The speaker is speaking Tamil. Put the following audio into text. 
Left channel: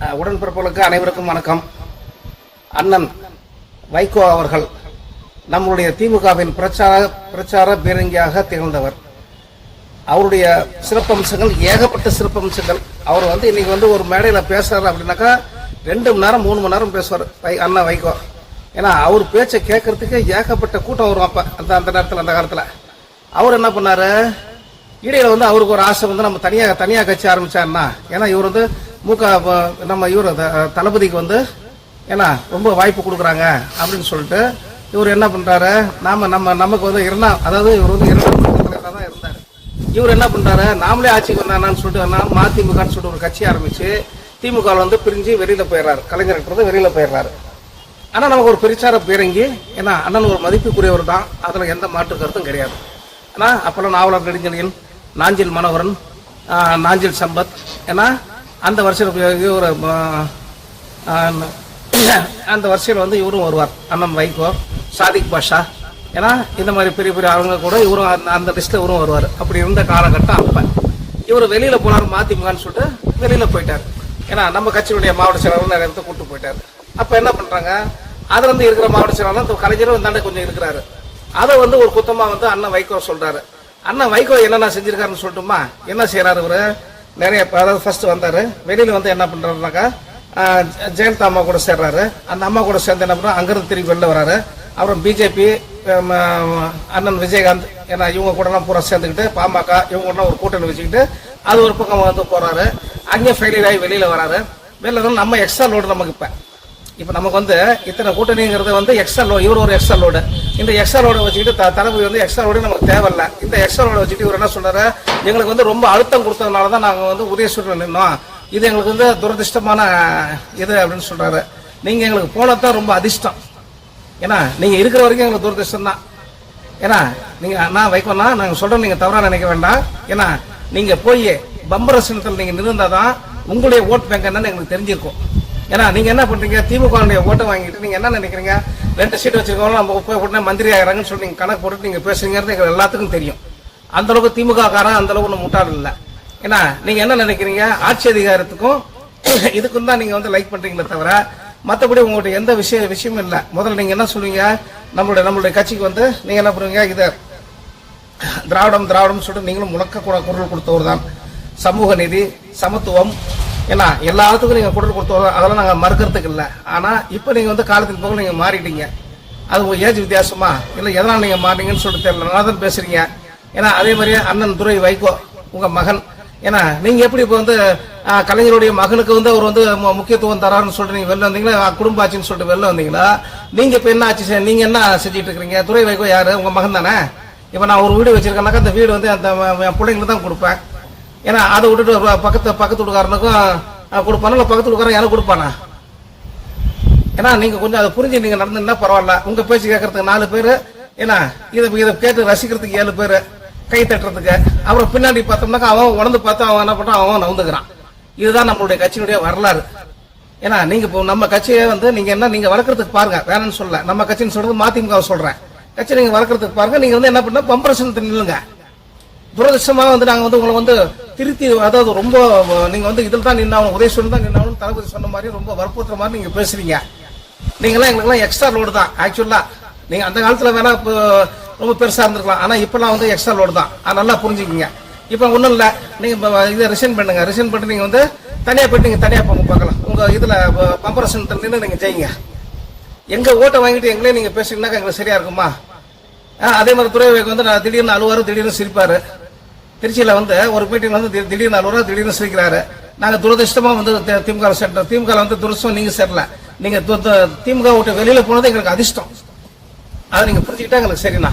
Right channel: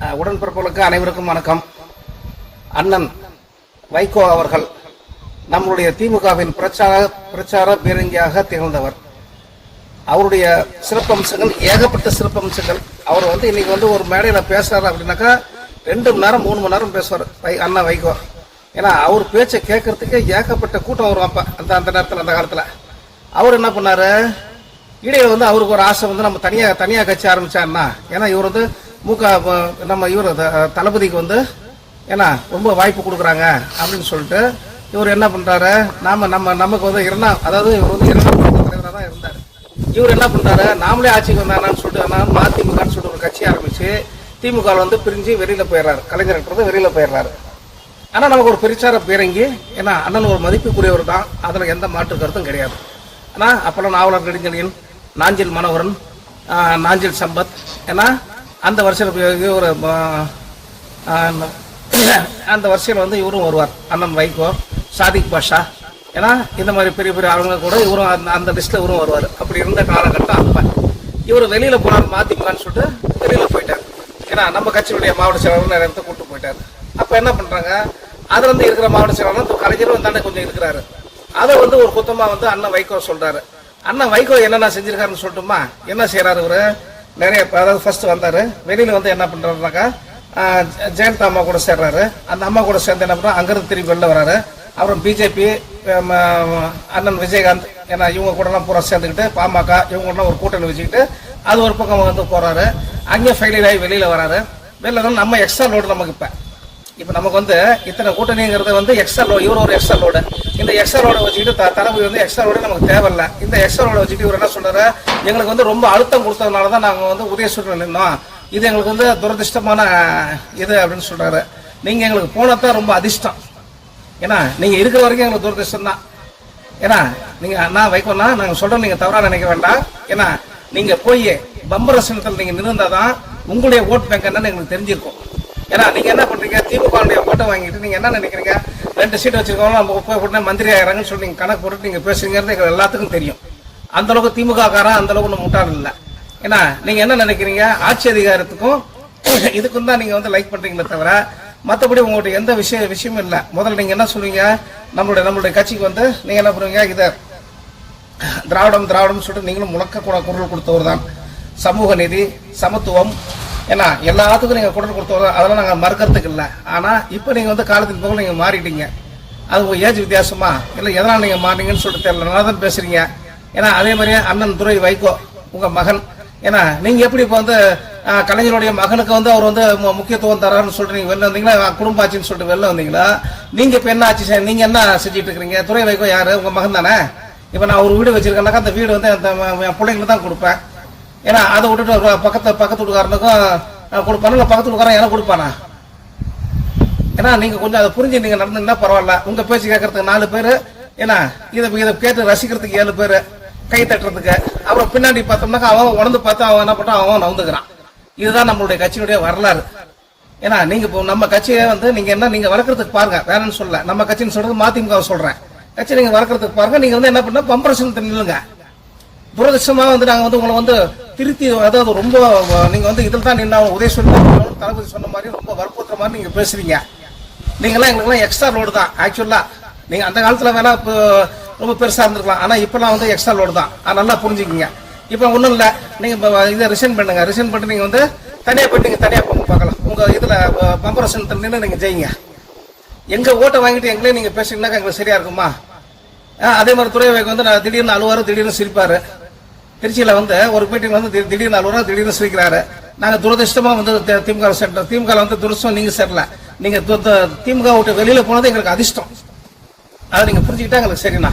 உடன்பிறப்புகளுக்கு அனைவருக்கும் வணக்கம். அண்ணன் வைகோ அவர்கள் நம்முடைய திமுகவின் பிரச்சார பீரங்கியாக திகழ்ந்தவர். அவருடைய சிறப்பம்சங்கள் ஏகப்பட்ட சிறப்பம்சங்கள். அவர் இன்னைக்கு ஒரு மேடையில பேசுறாரு அப்படின்னாக்கா 2 மணி நேரம் 3 மணி நேரம் பேசுவார் அண்ணா வைகோ. ஏன்னா அவர் பேச்சை கேட்கறதுக்கு ஏகப்பட்ட கூட்டம் வரும். அப்ப அந்த நேரத்தில் அந்த காலத்துல அவர் என்ன பண்ணாரு, இடையில அவருக்கு ஒரு ஆசை நம்ம தனியா கட்சி ஆரம்பிச்சாருன்னா, ஏன்னா இவர் நம்ம இவர் தளபதிக்கு ஏன்னா ரொம்ப வாய்ப்பு கொடுக்குறாங்க அப்படின்னு சொல்லிட்டு இவர் என்ன பண்றாரு, நமக்கு அதாவது இவர் இரண்டாம் தலைவராக தான் இருந்தாரு. இவர் என்ன பண்றாரு, நாமளே ஆட்சிக்கு வந்தாரான்னு சொல்லிட்டு மதிமுகன்னு சொல்லிட்டு ஒரு கட்சி ஆரம்பிச்சு திமுக பிரிஞ்சு வெளியில போயிடுறாரு. கலைஞர் வெளியில போயிடுறாரு. ஆனா நமக்கு ஒரு பிரச்சார பீரங்கி. ஏன்னா அண்ணன் ஒரு மதிப்புக்குரியவர் தான், அதுல எந்த மாற்று கருத்தும் கிடையாது. ஆனா அப்பெல்லாம் நாவலர் நெடுஞ்செழியன், நாஞ்சில் மனோகரன், நாஞ்சில் சம்பத், ஏன்னா அந்த வரிசையில் ஒரு அந்த வரிசையில் இவரும் வருவார். அண்ணன் வைகோ, சாதிக் பாஷா, ஏன்னா இந்த மாதிரி பெரிய பெரிய ஆளுங்க கூட இவரும் அந்த லிஸ்ட்ல இவரும் வருவார். அப்படி இருந்த காலகட்டம். அப்ப இவர் வெளியில போனார் மதிமுகன்னு சொல்லிட்டு வெளியில போயிட்டார். ஏன்னா நம்ம கட்சியுடைய மாவட்ட செயலாளர் நிறைய இடத்த கூட்டு போயிட்டாரு. அப்ப என்ன பண்றாங்க, அதுல இருக்கிற மாவட்ட செயலாளர் கலைஞரும் தானே கொஞ்சம் இருக்கிறாரு. அதை ஒரு குத்தமா அண்ணன் வைகோ சொல்றாரு. அண்ணன் வைகோ என்னென்ன செஞ்சிருக்காருன்னு சொல்லட்டுமா? என்ன செய்யறாரு இவரு, நிறைய அதாவது ஃபர்ஸ்ட் வந்தாரு, வெளியில என்ன பண்றாருனாக்கா ஜெயலலிதா அம்மா கூட சேர்றாரு. அந்த அம்மா கூட சேர்ந்து என்ன பண்றாரு, அங்கிருந்து திரும்பி வெளில வராரு. அப்புறம் பிஜேபி, அண்ணன் விஜயகாந்த், ஏன்னா இவங்க கூட எல்லாம் பூரா சேர்ந்துக்கிட்டு பாமக இவங்க கூட ஒரு கூட்டணி வச்சுக்கிட்டு அது ஒரு பக்கம் போறாரு. அங்கே ஃபெயிலியர் ஆகி வெளியில வராரு. வெளில நம்ம எக்ஸ்ட்ரா லோடு நமக்கு இப்ப நமக்கு இத்தனை கூட்டணிங்கிறது எக்ஸ்ட்ரா லோடு. இவர் ஒரு எக்ஸ்ட்ரா லோடு. இந்த எக்ஸ்ட்ரா லோட வச்சுக்கிட்டு தளபதி எக்ஸ்ட்ரா லோடு நமக்கு தேவையில்ல. இந்த எக்ஸ்ட்ரா லோட வச்சுட்டு இவர் என்ன சொல்றாரு, எங்களுக்கு ரொம்ப அழுத்தம் கொடுத்ததுனாலதான் நாங்க உதயசூரில் நின்னோம். இது எங்களுக்கு துரதிருஷ்டமான இது அப்படின்னு சொல்றாரு. நீங்க எங்களுக்கு போனதான் ரொம்ப அதிர்ஷ்டம். ஏன்னா நீங்க இருக்கிற வரைக்கும் எங்களுக்கு துரதிருஷ்டம் தான். ஏன்னா நீங்க நான் வைக்கோன்னா நாங்க சொல்றோம், நீங்க தவறா நினைக்க வேண்டாம். ஏன்னா நீங்க போய் பம்பர சின்னத்தில் நீங்க நின்றுந்தாதான் உங்களுடைய ஓட் பேங்க் என்னன்னு எங்களுக்கு தெரிஞ்சிருக்கும். ஏன்னா நீங்க என்ன பண்றீங்க, திமுக ஓட்டை வாங்கிட்டு நீங்க என்ன நினைக்கிறீங்க, 2 சீட் வச்சிருக்கோம் நம்ம போய் உடனே மந்திரி ஆகிறாங்கன்னு சொல்லி நீங்க கணக்கு போட்டு நீங்க பேசுறீங்கிறது எங்களுக்கு எல்லாத்துக்கும் தெரியும். அந்த அளவுக்கு திமுக காரன் அந்த அளவுக்கு முட்டாள் இல்ல. ஏன்னா நீங்க என்ன நினைக்கிறீங்க, ஆட்சி அதிகாரத்துக்கும் இதுக்கும் தான் நீங்க லைக் பண்றீங்களே தவிர மற்றபடி உங்கள்கிட்ட எந்த விஷயமும் இல்ல. முதல்ல நீங்க என்ன சொல்லுவீங்க, நம்மளுடைய கட்சிக்கு நீங்க என்ன பண்ணுவீங்க, இது திராவிடம் சொல்லிட்டு நீங்களும் முழக்க குரல் கொடுத்தவர் தான். சமூக நீதி, சமத்துவம், ஏன்னா எல்லாத்துக்கும் நீங்க குரல் கொடுத்தவர், அதெல்லாம் நாங்க மறுக்கிறதுக்கு இல்ல. ஆனா இப்ப நீங்க காலத்துக்கு போக நீங்க மாறிட்டீங்க. அது உங்க ஏஜ் வித்தியாசமா இல்ல எதனால நீங்க மாறீங்கன்னு சொல்லிட்டு தெரியல, நல்லா தான் பேசுறீங்க. ஏன்னா அதே மாதிரியே அண்ணன் துரை வைகோ உங்க மகன். ஏன்னா நீங்க எப்படி இப்ப கலைஞருடைய மகனுக்கு அவர் முக்கியத்துவம் தராருன்னு சொல்லிட்டு நீங்க வெளில வந்தீங்களா, குடும்ப ஆட்சின்னு சொல்லிட்டு வெளில வந்தீங்களா? நீங்க இப்ப என்ன ஆச்சு, நீங்க என்ன செஞ்சிட்டு இருக்கீங்க? துரை வைகோ யாரு, உங்க மகன் தானே. இப்ப நான் ஒரு வீடு வச்சிருக்கேன்னாக்கா அந்த வீடு அந்த என் பிள்ளைங்களுக்கு தான் கொடுப்பேன். ஏன்னா அதை விட்டுட்டு பக்கத்து வீட்டுக்காரனுக்கும் கொடுப்பானா இல்ல பக்கத்து வீட்டுக்காரன் எனக்கு கொடுப்பானா? ஏன்னா நீங்க கொஞ்சம் அதை புரிஞ்சு நீங்க நடந்தீங்கன்னா பரவாயில்ல. உங்க பேச்சு கேட்கறதுக்கு 4 பேரு, ஏன்னா இதை கேட்டு ரசிக்கிறதுக்கு 7 பேரு, கை தட்டுறதுக்கு. அப்புறம் பின்னாடி பார்த்தோம்னாக்கா அவன் உணர்ந்து பார்த்து அவன் என்ன பண்றான், அவன் நவுந்துக்கிறான். இதுதான் நம்மளுடைய கட்சியினுடைய வரலாறு. ஏன்னா நீங்க இப்போ நம்ம கட்சியை நீங்க வளர்க்கறதுக்கு பாருங்க, வேணும்னு சொல்ல. நம்ம கட்சின்னு சொல்றது மதிமுக சொல்றேன். கட்சி நீங்க வளர்க்கறதுக்கு பாருங்க. நீங்க என்ன பண்ண பம்பரசன் நில்லுங்க. துரதிருஷ்டமா நாங்க உங்களை திருத்தி, அதாவது ரொம்ப நீங்க இதில் தான் நின்று உதயசூரன் தான் தளபதி சொன்ன மாதிரி ரொம்ப வற்புறுத்துற மாதிரி நீங்க பேசுறீங்க. நீங்களாம் எங்களுக்கெல்லாம் எக்ஸ்ட்ரா லோடு தான். ஆக்சுவலா நீங்க அந்த காலத்துல வேணா ரொம்ப பெருசா இருந்திருக்கலாம். ஆனா இப்பெல்லாம் எக்ஸ்ட்ரா லோடு தான். நல்லா புரிஞ்சுக்கீங்க. இப்ப ஒண்ணும் இல்ல, நீங்க இதை ரிசைன் பண்ணுங்க. ரிசைன் பண்ணிட்டு நீங்க தனியா போயிட்டு நீங்க தனியா போங்க பார்க்கலாம். உங்க இதுல பம்பரசன் நின்று நீங்க ஜெயிங்க. எங்க ஓட்டை வாங்கிட்டு எங்களே நீங்க பேசுறீங்கன்னாக்கா எங்களுக்கு சரியா இருக்குமா? அதே மாதிரி துறை வைக்க நான் திடீர்னு அழுவாரு, திடீர்னு சிரிப்பாரு. திருச்சியில ஒரு மீட்டிங் திடீர்னு அழுவாரு, திடீர்னு சிரிக்கிறாரு. நாங்க துரதிருஷ்டமா திமுக சேர்ந்தோம். திமுக துரதிருஷ்டம் நீங்க சேரல. நீங்க திமுக விட்டு வெளியில போனது எங்களுக்கு அதிர்ஷ்டம். அதை நீங்க புரிஞ்சுக்கிட்டா எங்களுக்கு சரிண்ணா.